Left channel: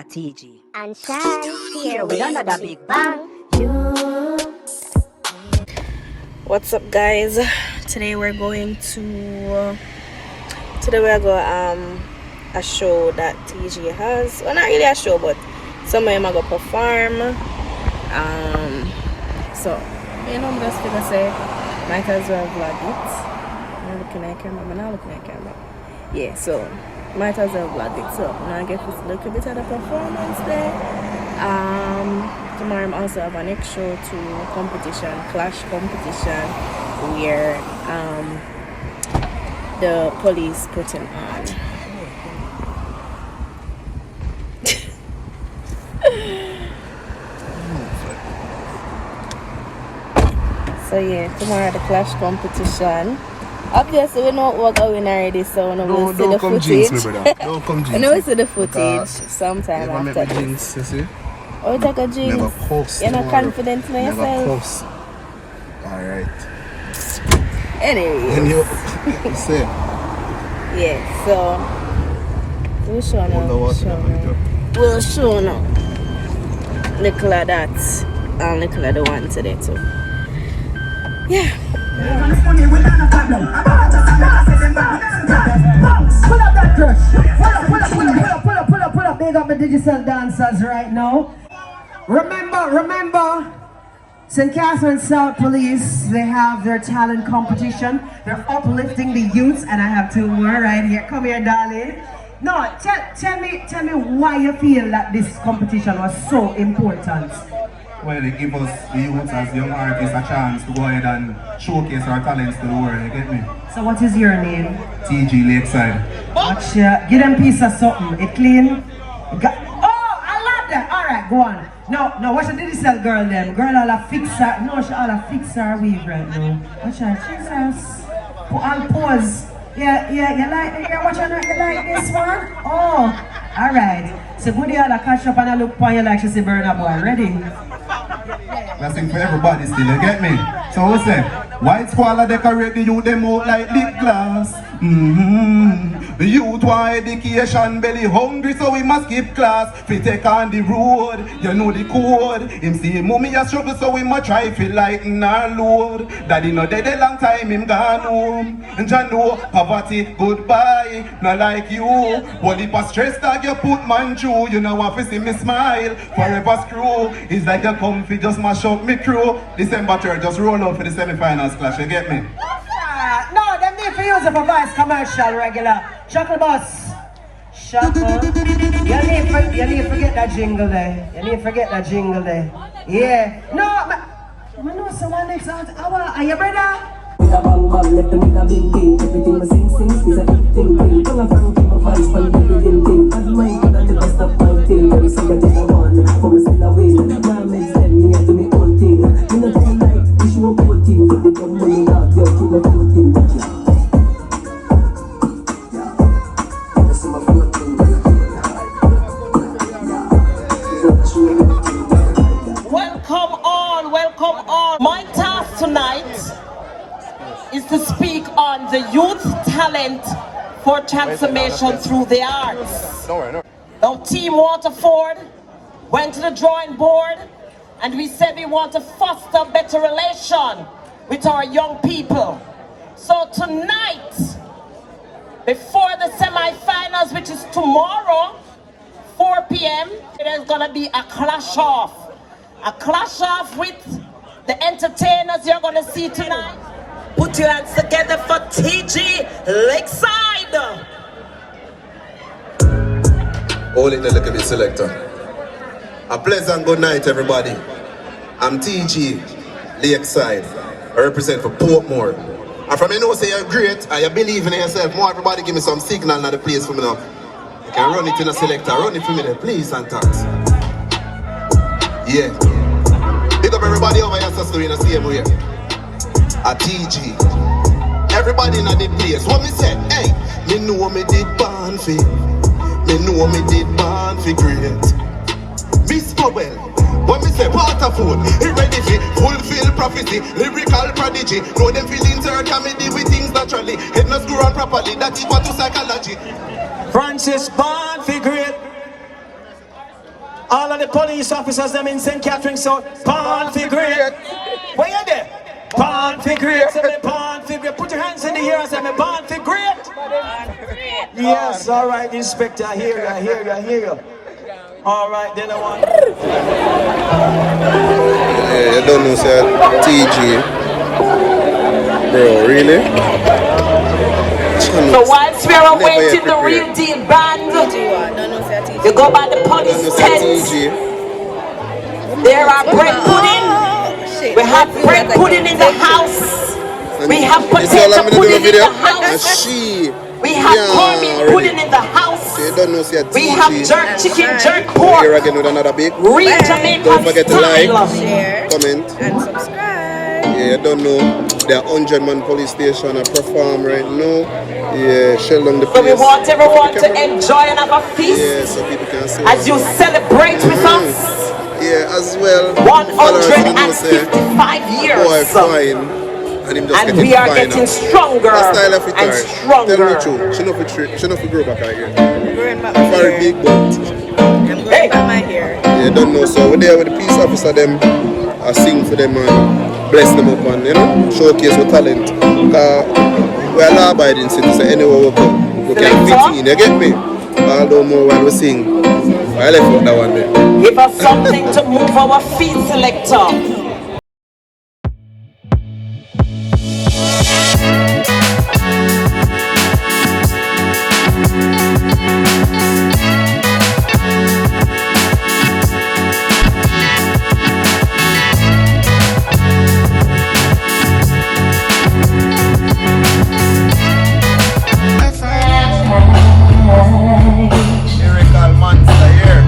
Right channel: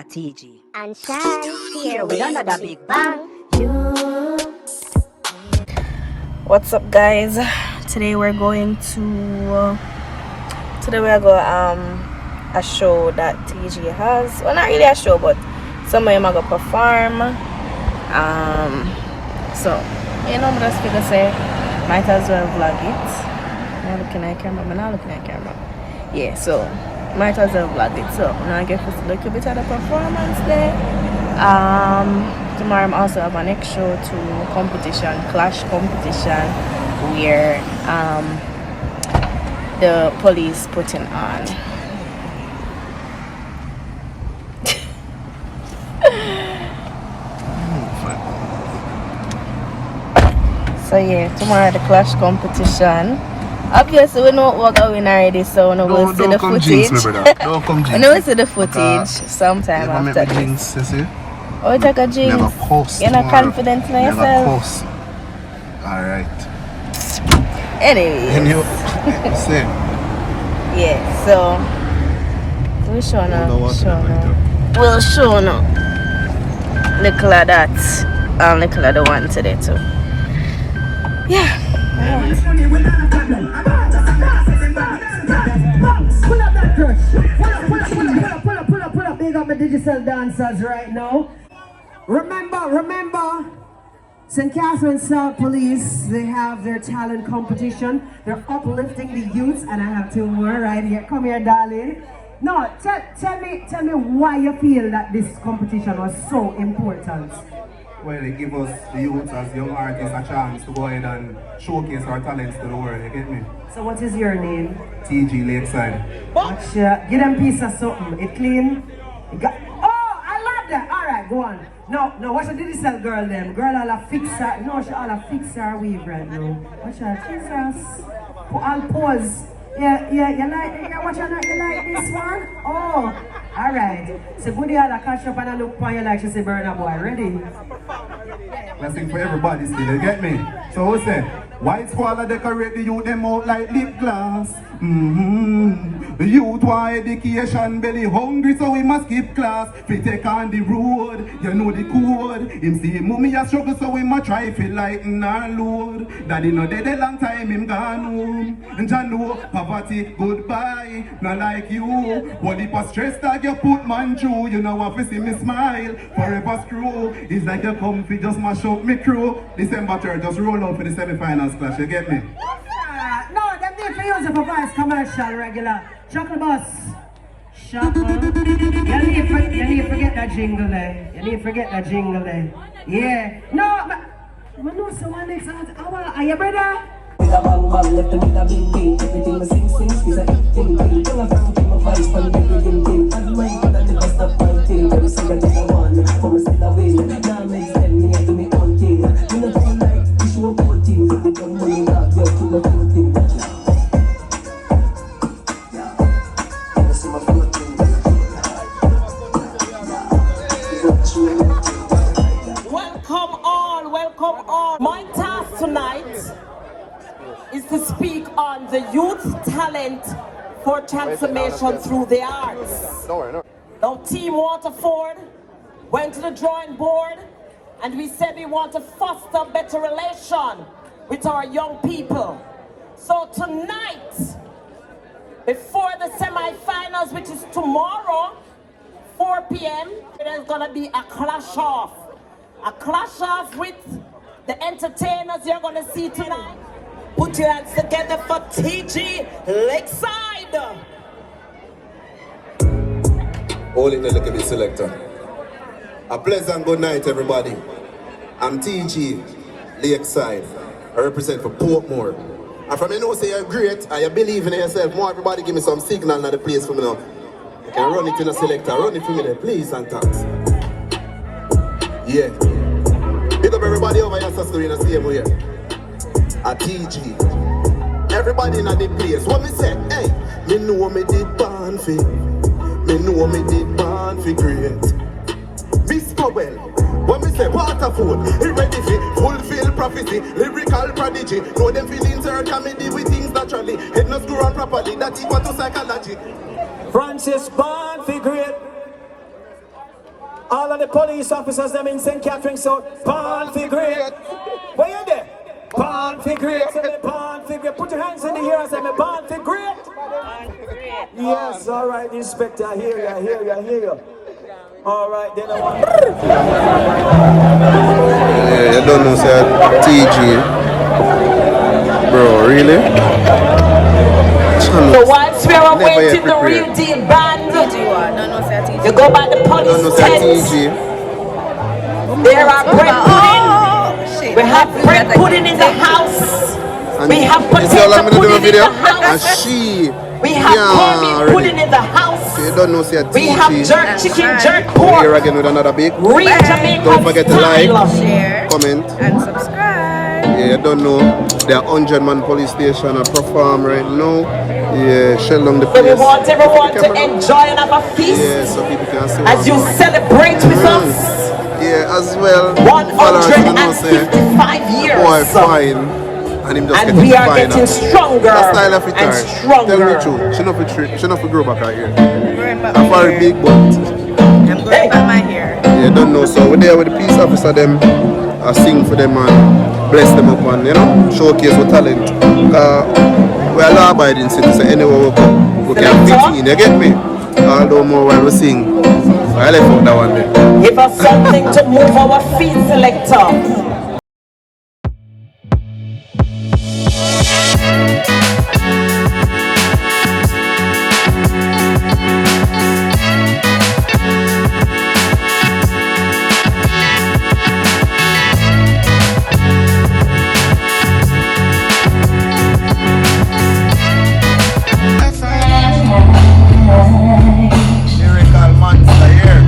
a TG. And shine, here we another big bang. What's up, guys? Today we're going to a show that TG has. Well, not really a show, but some of them are gonna perform. So you know, I'm just gonna say might as well vlog it. I'm not looking at camera. Yeah, so might as well vlog it. So now I get a little bit of the performance there. Tomorrow I'm also have an next show to clash competition, where the police putting on. So yeah, tomorrow the clash competition. Obviously we know what we're going already, so we will see the footage. Jinx me, brother. Don't come jinx. I know we see the footage sometime never after make me jinx, you see? Oh, take a jinx. Never cuss. You're not confident in yourself. Never cuss. Alright. Anyway. And you say? Yeah, so we'll show now. We'll show now. Little of that and little of the one today too. Yeah. Pull up. Big up the Digicel dancers right now. Remember, St. Catherine South Police, they have their talent competition. They're uplifting the youths, and I have two more right here. Come here, darling. No, tell me why you feel that this competition was so important. Well, it gives us, the youth as young artists, a chance to go ahead and showcase our talents to the world, you get me? So what is your name? TG Lakeside. Watch, give them piece of something. It clean. Oh, I love that. Alright, go on. No, watch the Digicel girl them. Girl all a fixer. No, she all a fixer weave right now. Watch her. Jesus. And pose. Yeah, you like watch her, you like this one? Oh, alright. So good y'all catch up and I look for you like she say Burna Boy. Ready? That's it for everybody still, you get me? So what's that? White squalor decorate the youth them out like lip glass. The youth want education, belly hungry, so we must skip class. We take on the road, you know the code. Him see mommy a struggle, so we must try to lighten our load. Daddy no dead a long time, him gone home. And John know poverty goodbye, not like you. Only for stress that you put man through. You know what, see me smile, forever screw. It's like you comfy, just mash up me crew. December 3rd, just roll out for the semi-finals clash, you get me? No, them need to use it for voice commercial regular. Chuckle boss. Chuckle. You need to forget that jingle there. Yeah. No, I know someone next out. Are you brother? With a bang bang, left with a big beat. Everything was sing, is a big thing. Don't have to keep a voice from the rhythm thing. As mine could that the best of my thing. Very say that I want, for me still a win. Now makes them me and do me own thing. Me not too like, we show good thing. They come running out, yo, keep my good thing. Welcome on. My task tonight is to speak on the youth talent for transformation through the arts. Now, Team Waterford went to the drawing board and we said we want to foster better relation with our young people. So tonight, before the semi-finals, which is tomorrow, 4 p.m., there's gonna be a clash off. A clash off with the entertainers you're gonna see tonight. Put your hands together for TG Lakeside. Hold it a little bit, selector. A pleasant good night, everybody. I'm TG Lakeside. I represent for Portmore. And from you know say you're great and you believe in yourself, more everybody give me some signal in the place for me now. You can run it in a selector, run it for me there, please and thanks. Yeah. Big up everybody over here, sister, in the same way. A TG. Everybody in the place. What me say? Hey, me know me did born for. Me know me did born for great. Miss Powell. What me say? Waterford. He ready for fulfill prophecy. Lyrical prodigy. Know them feelings hurt and me deal with things naturally. Head no screw on properly. That equal to psychology. Francis born for great. All of the police officers them in St. Catherine's South, pan for great. Where you there? Pan for great. Say me pan for great. Put your hands in the air and say me pan for great. Pan for great. Yes, all right, Inspector. I hear you. All right, then I want. Yeah, you don't know, say TG. Bro, really? So once we're awaiting the real deal band, don't know say TG. you go by the Don't know, police say tent. TG. There are bread pudding. Shit. We have bread pudding in the house. And We have you see how I'm potato gonna do a pudding in video? the And house. she. We have cornmeal pudding in the house. You don't know, say We have TG. jerk chicken, jerk We're here pork. again with another big. Real Jamaican Don't forget to like, style. Share comment. and subscribe. Yeah, you don't know. The 100-man police station are perform right now. Yeah, shell down the So we place. want everyone to enjoy and have a feast Yeah, so people can see as what's you going. celebrate with us. Yeah, as well. Followers, you know, say, 155 years. boy, fine. And him just And getting we are finer. getting stronger That style of it, and right? stronger. Tell me the truth. She not for grow back out here. I'm growing back I'm my for a hair. big butt. I'm growing back my hair. Yeah, don't know. So we're there with the peace officer them. I sing for them and bless them up and, you know, showcase our talent. We're a law-abiding city, so anywhere we come, we can fit in, you get me? Although more while we sing. I left out that one there. Give us something to move our feet, selector. Lyrical monster here.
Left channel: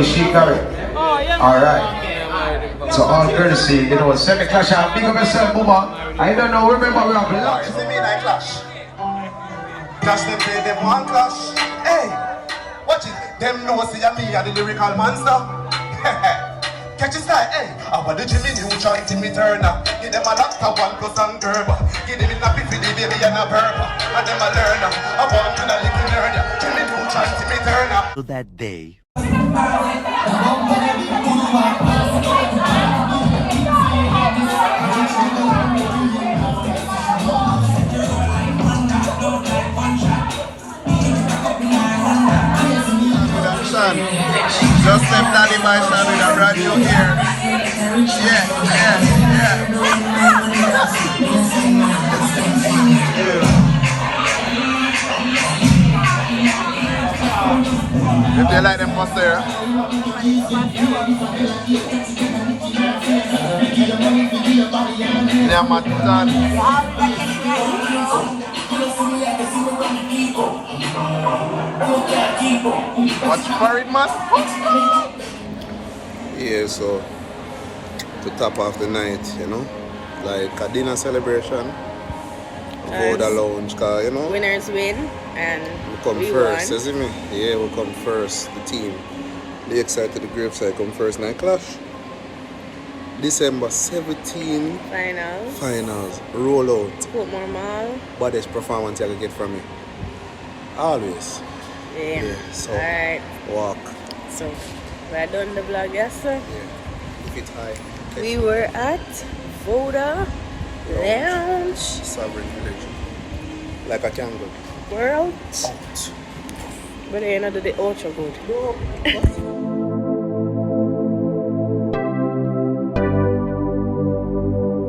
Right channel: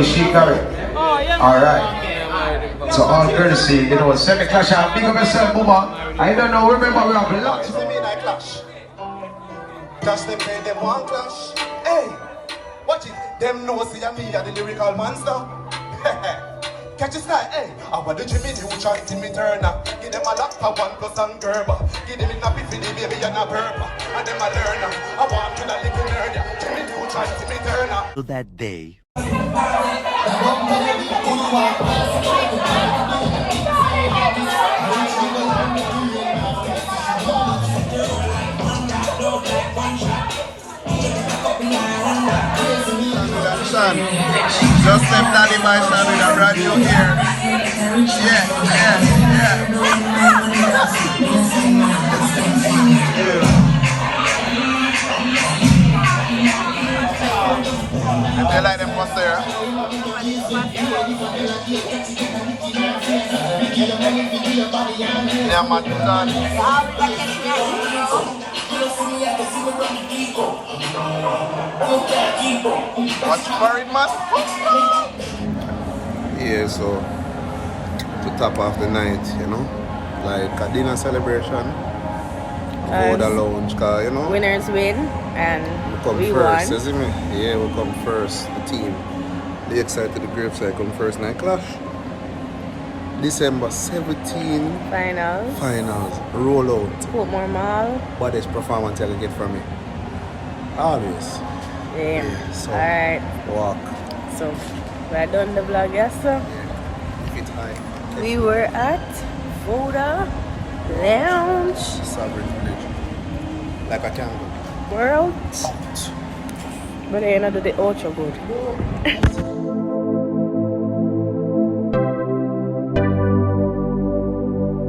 Is she correct? Oh, yeah. Alright. So all courtesy, you know, semi clash out. Big up yourself, Booba. I don't know, remember we have lots. See me like clash. Clash them play them one clash. Hey, watch it. Them know see me and the lyrical monster. Catch his guy, hey. About the Jimmy New chant in me turner. Give them a laptop, 1+ and turbo. Give them in a piffy, the baby and a burger. And them a learner. I want to the little nerd. Jimmy New chant in me turner. To that day. Son, just left Daddy by son with a brand new ear. If you like them come there. Yeah, Yeah, so to top off the night, you know, like a dinner celebration, Voda Lounge, cause you know, winners win and we come we first, won. you see me? Yeah, we come first, the team. They excited the graveside come first night clash. December 17 finals, roll out. Portmore Mall. Baddest performance you can get from me. Always. Yeah. So Alright. walk. So we're done the vlog, yes sir. Yeah. It's high. We were at Voda Lounge. Sovereign Village. Like a tangle. World. But the end of the day, ultra good.